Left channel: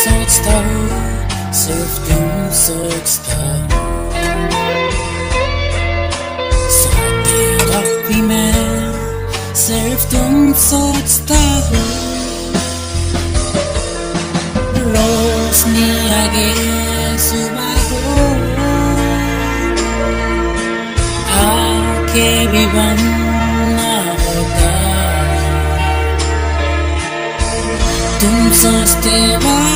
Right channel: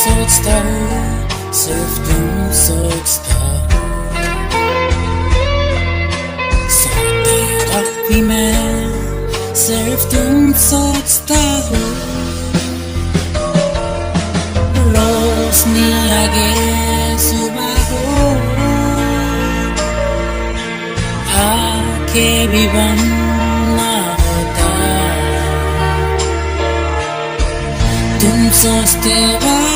सोचता हूँ, सिर्फ तुम सोचता हूँ। सोते वक्त भी मैं सिर्फ तुम सोचता हूँ। रोशनी आगे सुबह हो, आंखें भी बंद ना होता। तुम सोचते वक्त